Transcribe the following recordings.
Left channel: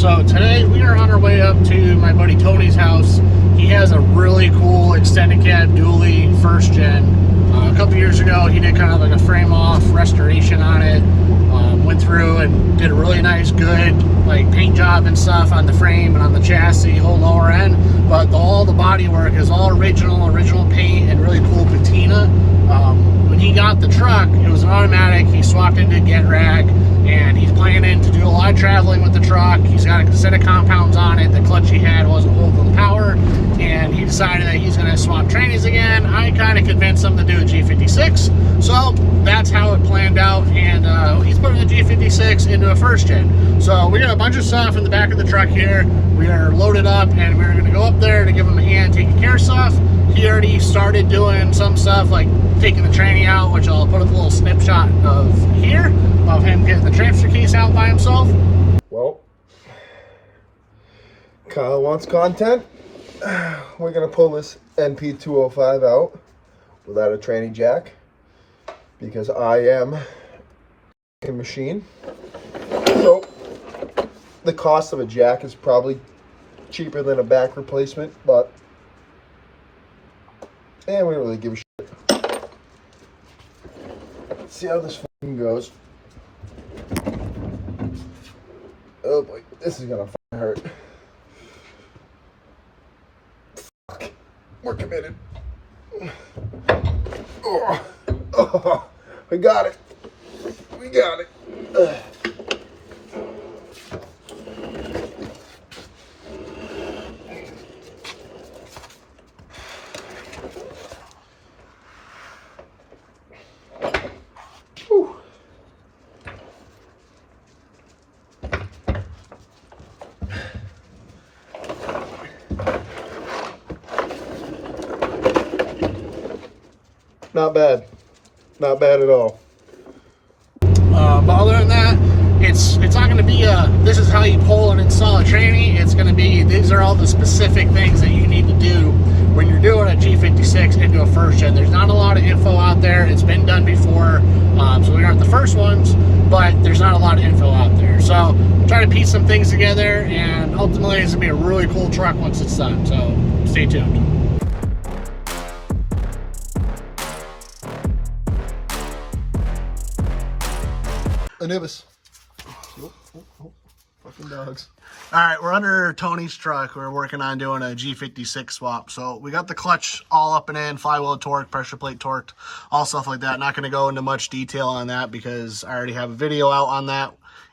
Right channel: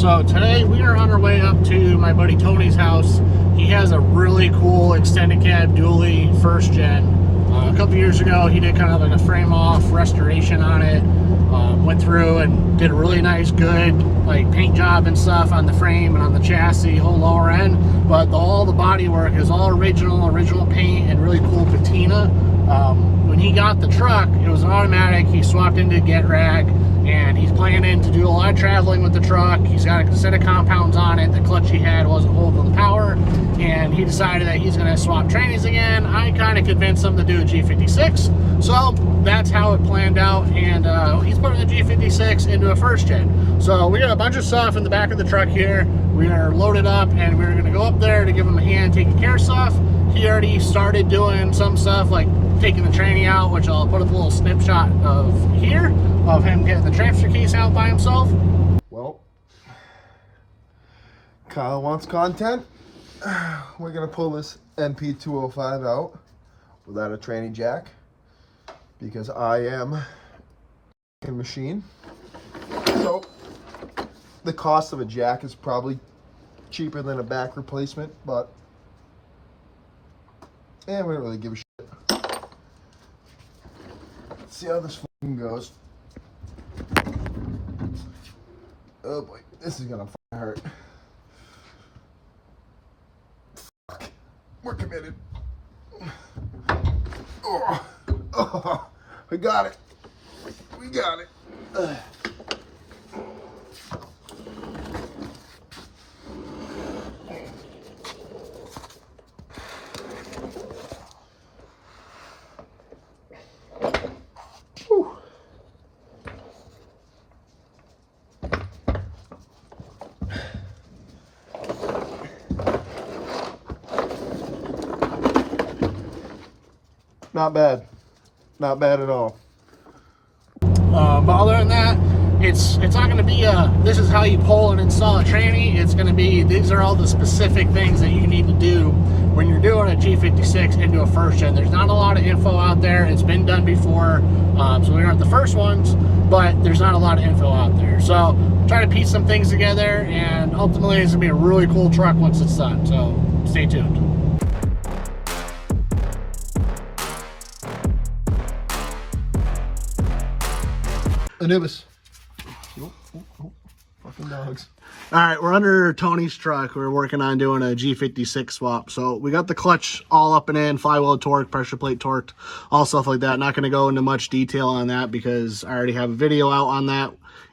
So today we are on our way up to my buddy Tony's house. He has a really cool extended cab dually first gen. A couple years ago he did kind of like a frame off restoration on it. Went through and did a really nice good like paint job and stuff on the frame and on the chassis, whole lower end. But all the body work is all original paint and really cool patina. When he got the truck, it was an automatic. He swapped into a get rag, and he's planning to do a lot of traveling with the truck. He's got a set of compounds on it. The clutch he had wasn't holding the power, and he decided that he's going to swap trannies again. I kind of convinced him to do a G56, so that's how it planned out. And he's putting a G56 into a first gen. So we got a bunch of stuff in the back of the truck here. We are loaded up, and we're going to go up there to give him a hand taking care of stuff. He already started doing some stuff like taking the tranny out, which I'll put a little snapshot of here of him getting the transfer case out by himself. Well, Kyle wants content. We're gonna pull this NP205 out without a tranny jack because I am a machine. So the cost of a jack is probably cheaper than a back replacement, but we don't really give a shit. Let's see how this fucking goes. Oh boy, this is gonna fucking hurt. Fuck. We're committed. Oh, we got it. We got it. Not bad. Not bad at all. But other than that, it's not going to be this is how you pull and install a tranny. It's going to be, these are all the specific things that you need to do when you're doing a G56 into a first gen. There's not a lot of info out there. It's been done before, so we aren't the first ones, but there's not a lot of info out there. So try to piece some things together, and ultimately it's going to be a really cool truck once it's done. So stay tuned. Anubis. Fucking dogs. All right, we're under Tony's truck. We're working on doing a G56 swap. So we got the clutch all up and in, flywheel torque, pressure plate torqued, all stuff like that. Not going to go into much detail on that because I already have a video out on that,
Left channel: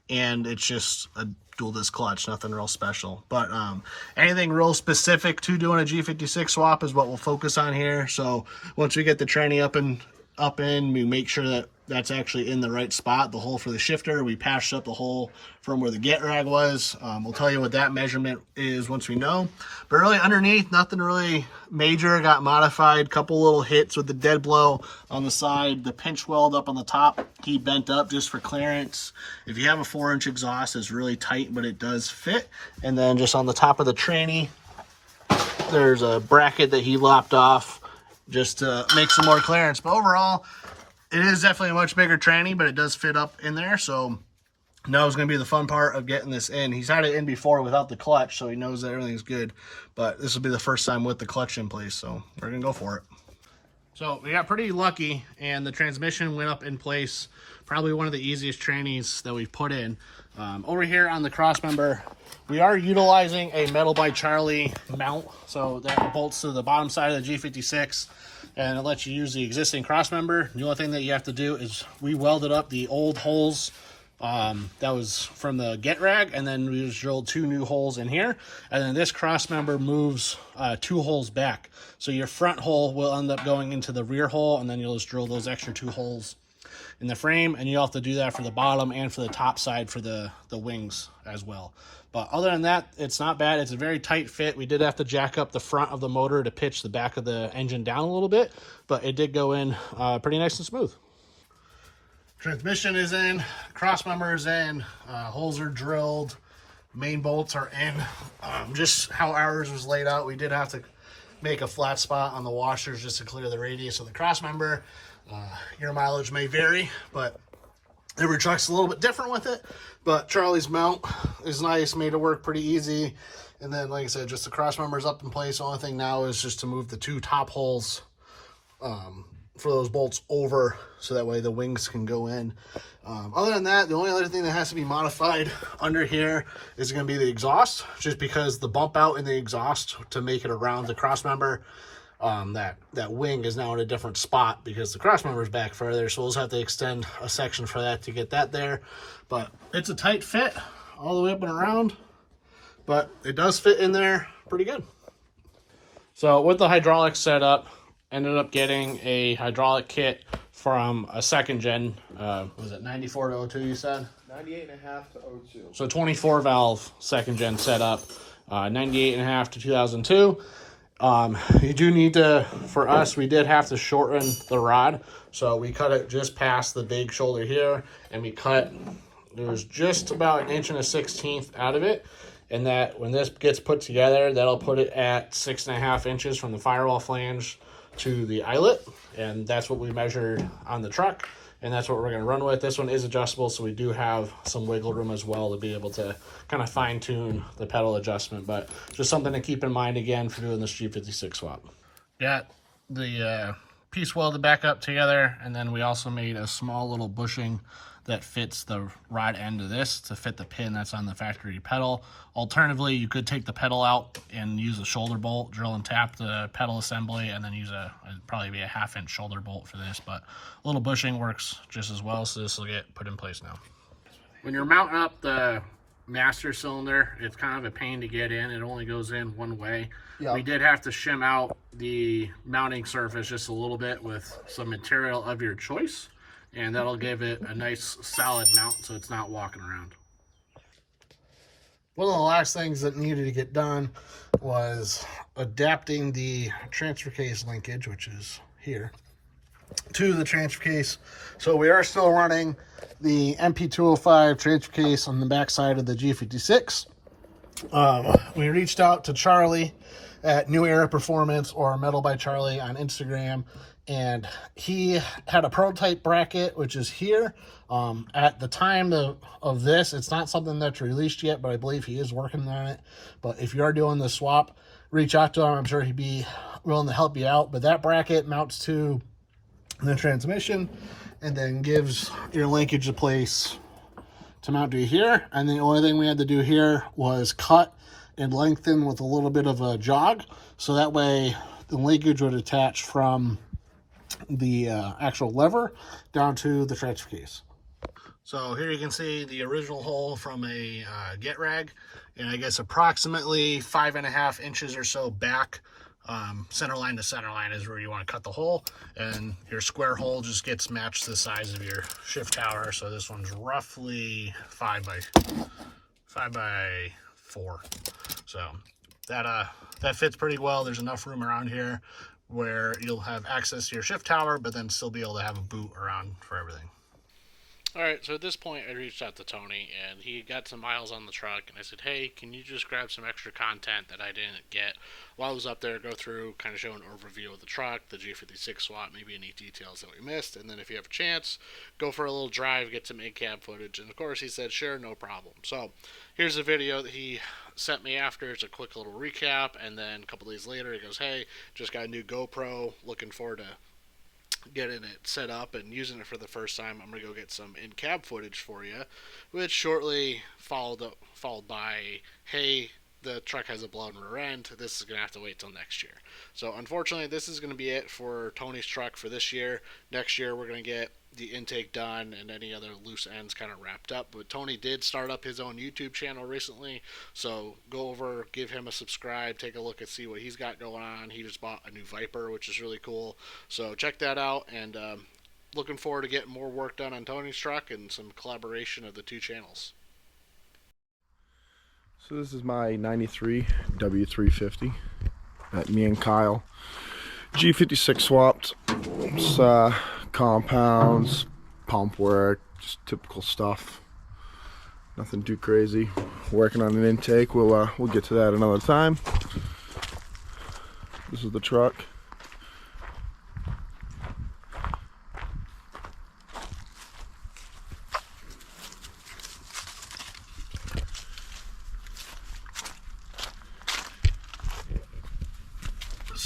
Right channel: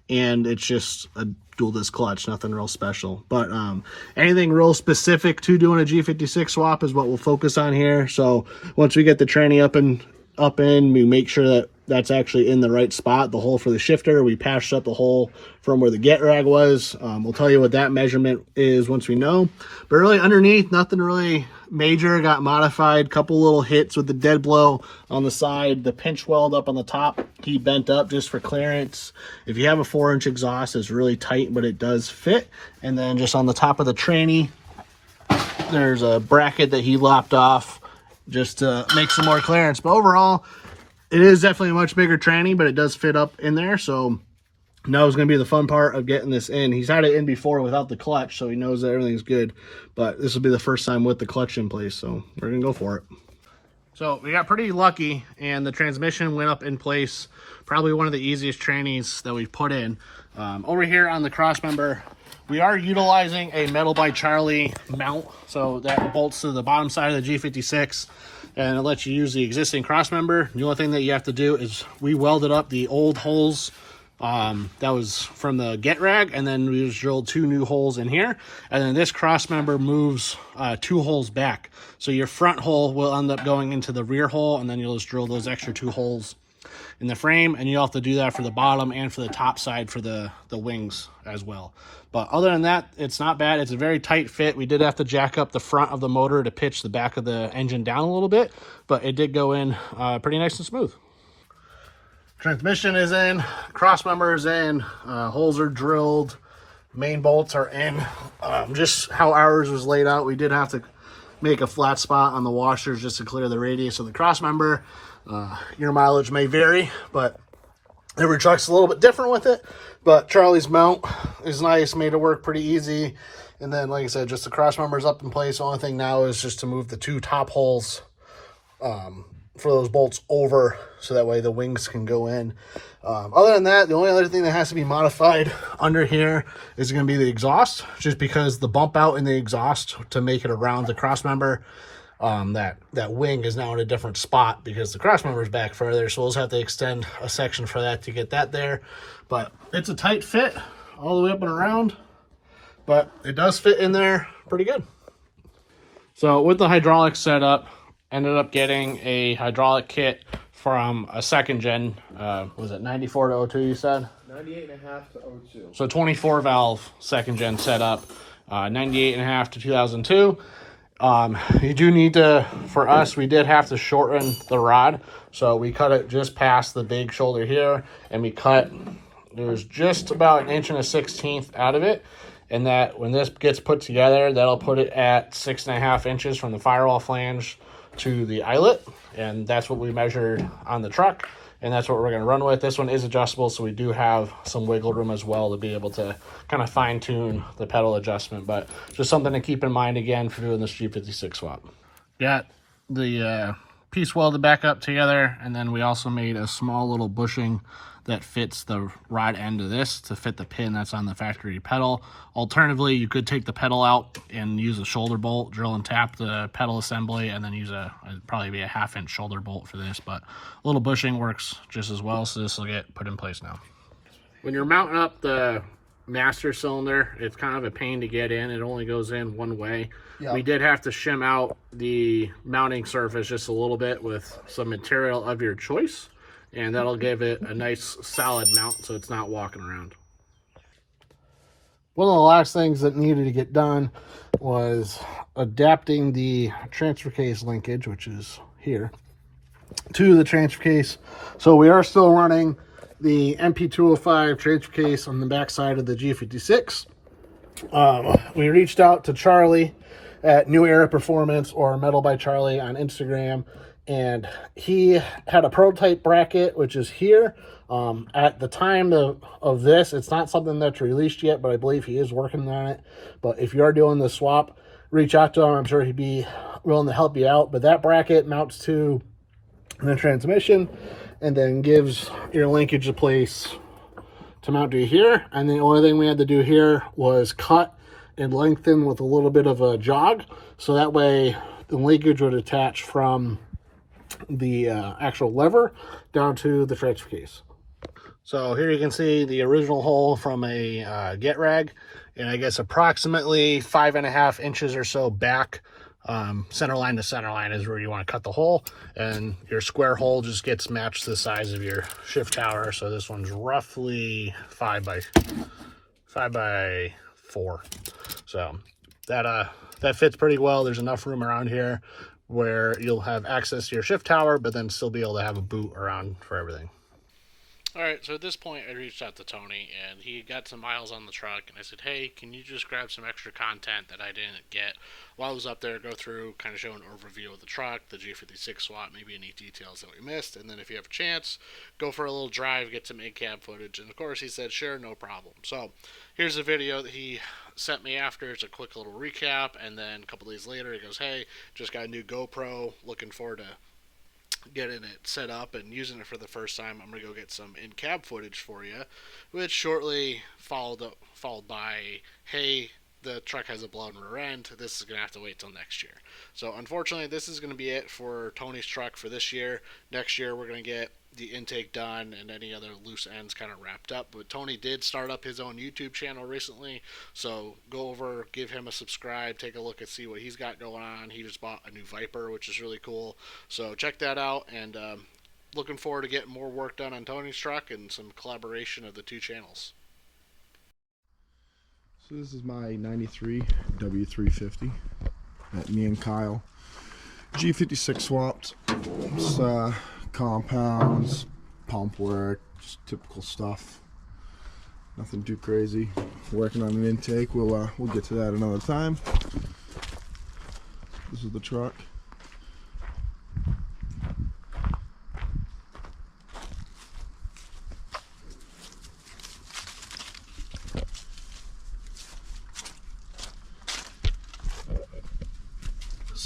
and it's just a dual disc clutch, nothing real special. But anything real specific to doing a G56 swap is what we'll focus on here. So once we get the tranny up in, we make sure that that's actually in the right spot, the hole for the shifter. We patched up the hole from where the get rag was. We'll tell you what that measurement is once we know. But really underneath, nothing really major got modified. Couple little hits with the dead blow on the side. The pinch weld up on the top, he bent up just for clearance. If you have a 4-inch exhaust, it's really tight, but it does fit. And then just on the top of the tranny, there's a bracket that he lopped off just to make some more clearance. But overall, it is definitely a much bigger tranny, but it does fit up in there. So now is going to be the fun part of getting this in. He's had it in before without the clutch, so he knows that everything's good. But this will be the first time with the clutch in place, so we're going to go for it. So we got pretty lucky, and the transmission went up in place. Probably one of the easiest trannies that we've put in. Over here on the cross member, we are utilizing a Metal by Charlie mount. So that bolts to the bottom side of the G56. And it lets you use the existing cross member. The only thing that you have to do is we welded up the old holes that was from the get rag, and then we just drilled 2 new holes in here. And then this cross member moves 2 holes back. So your front hole will end up going into the rear hole, and then you'll just drill those extra 2 holes in the frame. And you'll have to do that for the bottom and for the top side for the wings as well. But other than that, it's not bad. It's a very tight fit. We did have to jack up the front of the motor to pitch the back of the engine down a little bit, but it did go in pretty nice and smooth. Transmission is in, cross member is in, holes are drilled, main bolts are in. Just how ours was laid out, we did have to make a flat spot on the washers just to clear the radius of the cross member. Your mileage may vary, but Every truck's a little bit different with it, but Charlie's mount is nice, made it work pretty easy. And then, like I said, just the cross members up in place. The only thing now is just to move the 2 top holes for those bolts over, so that way the wings can go in. Other than that, the only other thing that has to be modified under here is going to be the exhaust, just because the bump out in the exhaust to make it around the cross member, that wing is now in a different spot because the cross member is back further, so we'll just have to extend a section for that to get that there. But it's a tight fit all the way up and around, but it does fit in there pretty good. So with the hydraulics set up, ended up getting a hydraulic kit from a second gen, was it 94 to 02 you said? 98.5 to 02. So 24 valve second gen setup, 98.5 to 2002. You do need to, for us, we did have to shorten the rod. So we cut it just past the big shoulder here, and we cut, there's just about 1 1/16 out of it. And that when this gets put together, that'll put it at 6.5 inches from the firewall flange to the eyelet. And that's what we measured on the truck. And that's what we're going to run with. This one is adjustable, so we do have some wiggle room as well to be able to kind of fine tune the pedal adjustment. But just something to keep in mind again for doing this G56 swap. Got the piece welded back up together, and then we also made a small little bushing that fits the rod end of this to fit the pin that's on the factory pedal. Alternatively, you could take the pedal out and use a shoulder bolt, drill and tap the pedal assembly, and then use it'd probably be a 1/2 inch shoulder bolt for this, but a little bushing works just as well, so this will get put in place now. When you're mounting up the master cylinder, it's kind of a pain to get in. It only goes in one way. Yep. We did have to shim out the mounting surface just a little bit with some material of your choice, and that'll give it a nice solid mount so it's not walking around. One of the last things that needed to get done was adapting the transfer case linkage, which is here, to the transfer case. So we are still running the MP205 transfer case on the back side of the G56. We reached out to Charlie at New Era Performance, or Metal by Charlie on Instagram, and he had a prototype bracket, which is here. At the time of this, it's not something that's released yet, but I believe he is working on it. But if you are doing the swap, reach out to him. I'm sure he'd be willing to help you out. But that bracket mounts to the transmission and then gives your linkage a place to mount to here. And the only thing we had to do here was cut and lengthen with a little bit of a jog, so that way the linkage would attach from the actual lever down to the transfer case. So here you can see the original hole from a get rag, and I guess approximately 5.5 inches or so back, center line to center line is where you want to cut the hole, and your square hole just gets matched to the size of your shift tower. So this one's roughly 5 by 4. So that fits pretty well. There's enough room around here where you'll have access to your shift tower, but then still be able to have a boot around for everything. All right, so at this point, I reached out to Tony, and he got some miles on the truck, and I said, hey, can you just grab some extra content that I didn't get while I was up there, go through, kind of show an overview of the truck, the G56 swap, maybe any details that we missed, and then if you have a chance, go for a little drive, get some in-cab footage, and of course, he said, sure, no problem. So here's a video that he sent me after. It's a quick little recap, and then a couple days later, he goes, hey, just got a new GoPro, looking forward to getting it set up and using it for the first time. I'm going to go get some in-cab footage for you, which shortly followed by, hey, the truck has a blown rear end. This is going to have to wait till next year. So unfortunately, this is going to be it for Tony's truck for this year. Next year, we're going to get the intake done and any other loose ends kind of wrapped up. But Tony did start up his own YouTube channel recently, so go over, give him a subscribe, take a look and see what he's got going on. He just bought a new Viper, which is really cool, so check that out, and looking forward to getting more work done on Tony's truck and some collaboration of the two channels. So this is my 93 W350 that me and Kyle G56 swapped. It's compounds, pump work, just typical stuff. Nothing too crazy. Working on an intake. We'll get to that another time. This is the truck.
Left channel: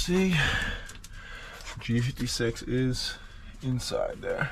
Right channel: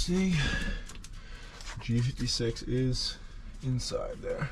see, G56 is inside there.